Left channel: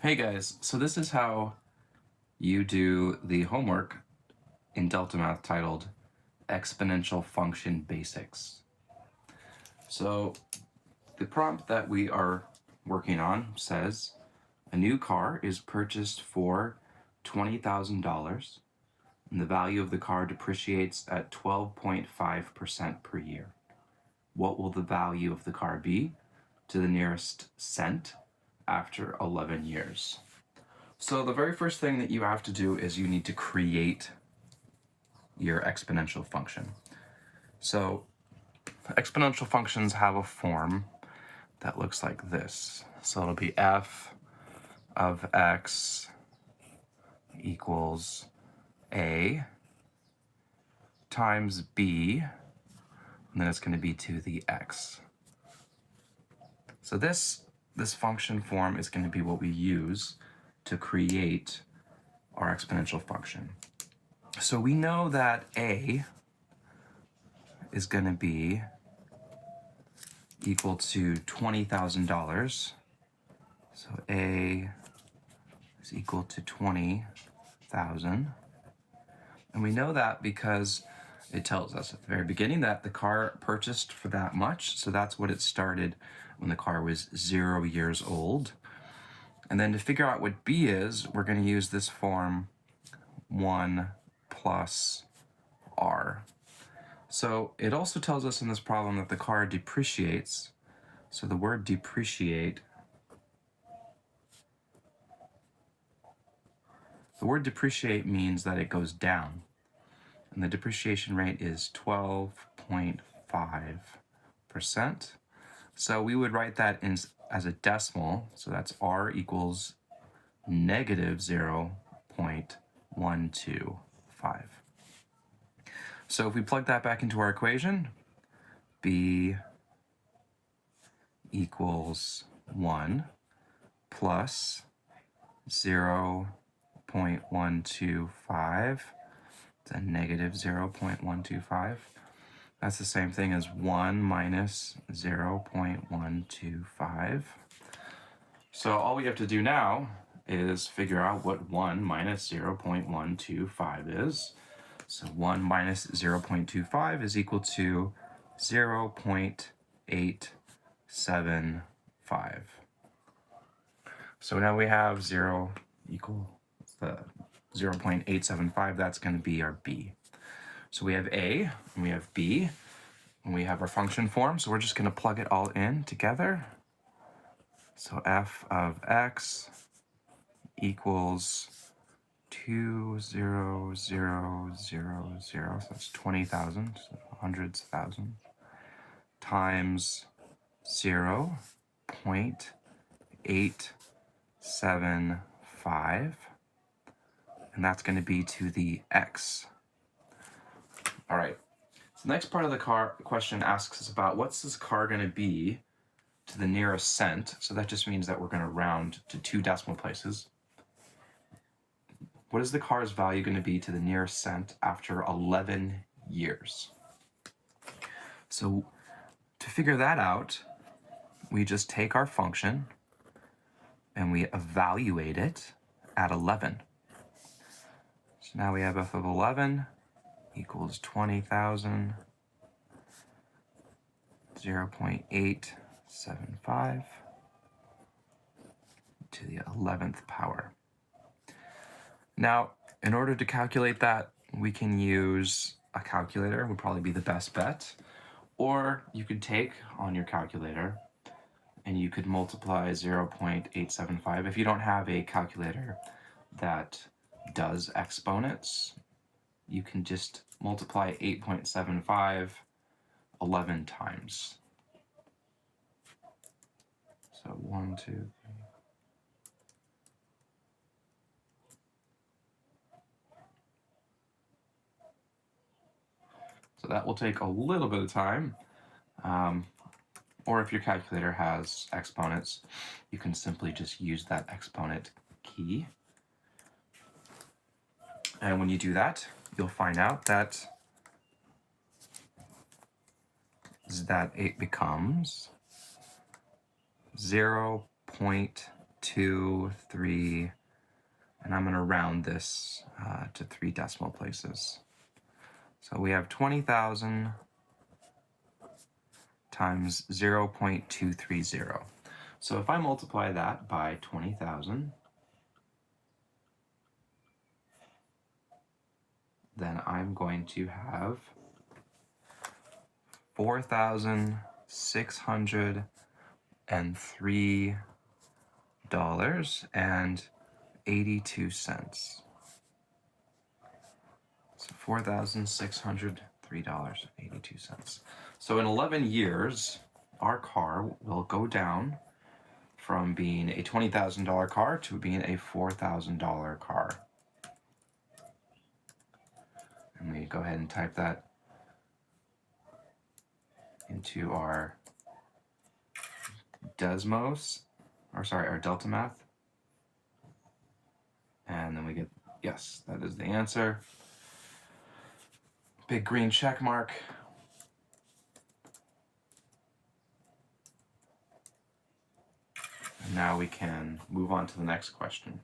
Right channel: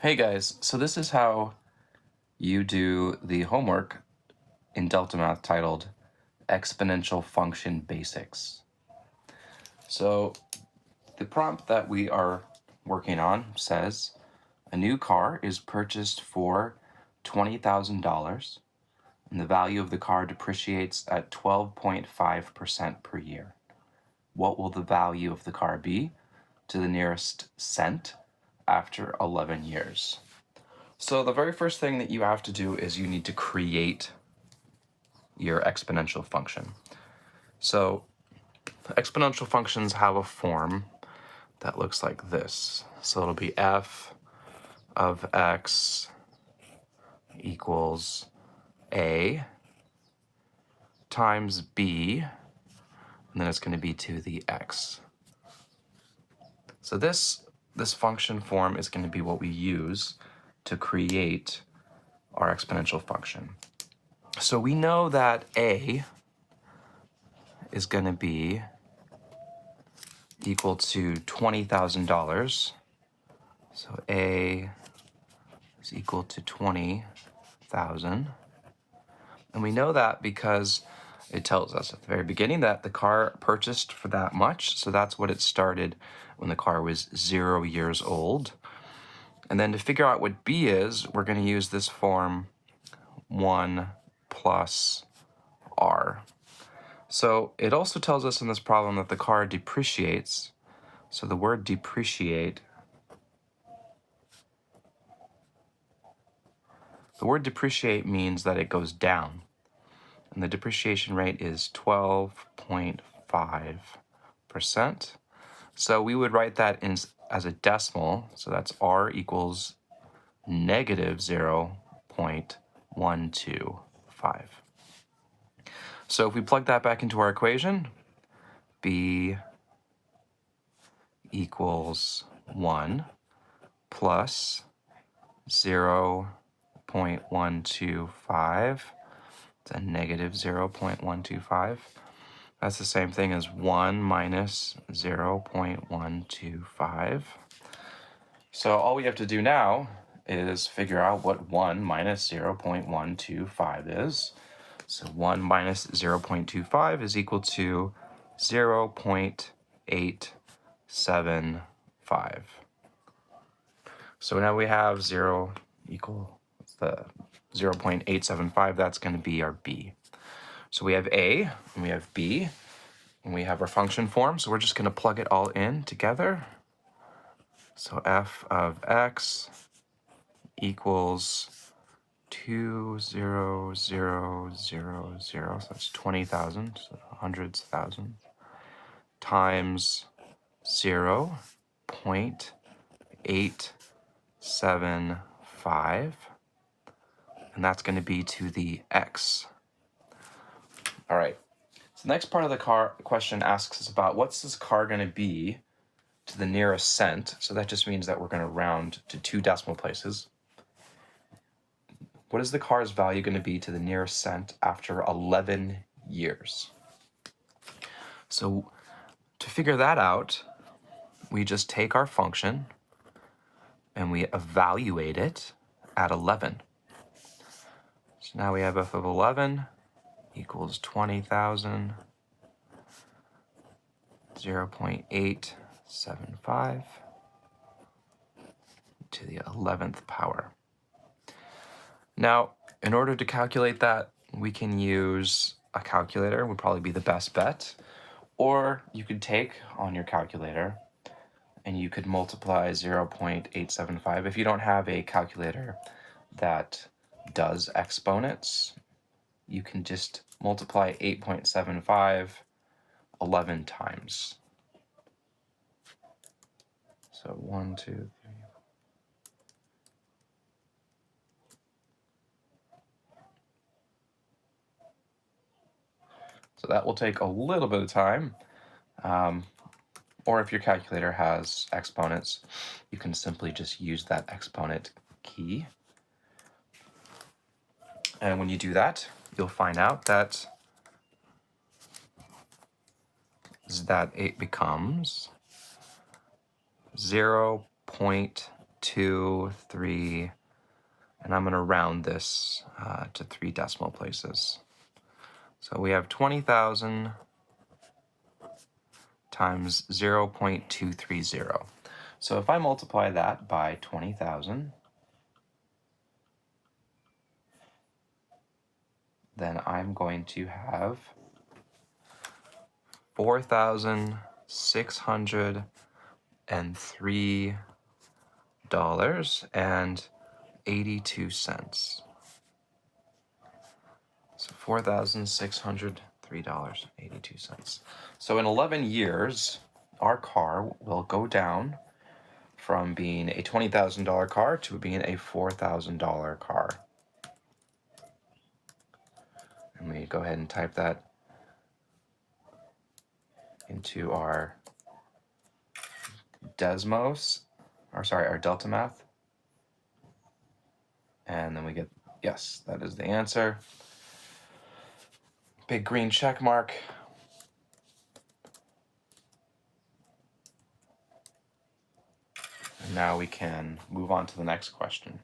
Hey guys, so this is how you do the homework in DeltaMath titled Exponential Function Basics. So the prompt that we are working on says, a new car is purchased for $20,000 and the value of the car depreciates at 12.5% per year. What will the value of the car be to the nearest cent after 11 years? So the very first thing that you have to do is you need to create your exponential function. So exponential functions have a form that looks like this. So it'll be f of x equals a times b, and then it's going to be to the x. So this function form is going to be what we use to create our exponential function. So we know that a is going to be equal to $20,000. So a is equal to 20,000. And we know that because it tells us at the very beginning that the car purchased for that much. So that's what it started when the car was 0 years old. And then to figure out what b is, we're going to use this form 1 plus r. So it also tells us in this problem that the car depreciates. So the word depreciate, means that it goes down. And the depreciation rate is 12.5%. So we would write that as a decimal. So that's r equals negative 0.125. So if we plug that back into our equation, b equals 1 plus 0.125. It's a negative 0.125. That's the same thing as 1 minus 0.125. So all we have to do now is figure out what 1 minus 0.125 is. So 1 minus 0.25 is equal to 0.875. So now we have 0 equal the 0.875. That's going to be our b. So we have a, and we have b, and we have our function form. So we're just going to plug it all in together. So f of x equals 20000, so that's 20,000, so hundreds of thousands, times 0.875, and that's going to be to the x. All right, so the next part of the question asks us about what's this car going to be to the nearest cent. So that just means that we're going to round to 2 decimal places. What is the car's value going to be to the nearest cent after 11 years? So to figure that out, we just take our function and we evaluate it at 11. So now we have f of 11 equals 20,000, 0.875 to the 11th power. Now, in order to calculate that, we can use a calculator, would probably be the best bet. Or you could take on your calculator and you could multiply 0.875. If you don't have a calculator that does exponents, you can just multiply 8.75 11 times. So 1, 2, 3. So that will take a little bit of time. Or if your calculator has exponents, you can simply just use that exponent key. And when you do that, you'll find out that it becomes 0.875 2, 3, and I'm going to round this to 3 decimal places. So we have 20,000 times 0.230. So if I multiply that by 20,000, then I'm going to have $4,603.82. So $4,603.82. So in 11 years, our car will go down from being a $20,000 car to being a $4,000 car. And we go ahead and type that into our our DeltaMath. And then we get, yes, that is the answer. Big green check mark. And now we can move on to the next question.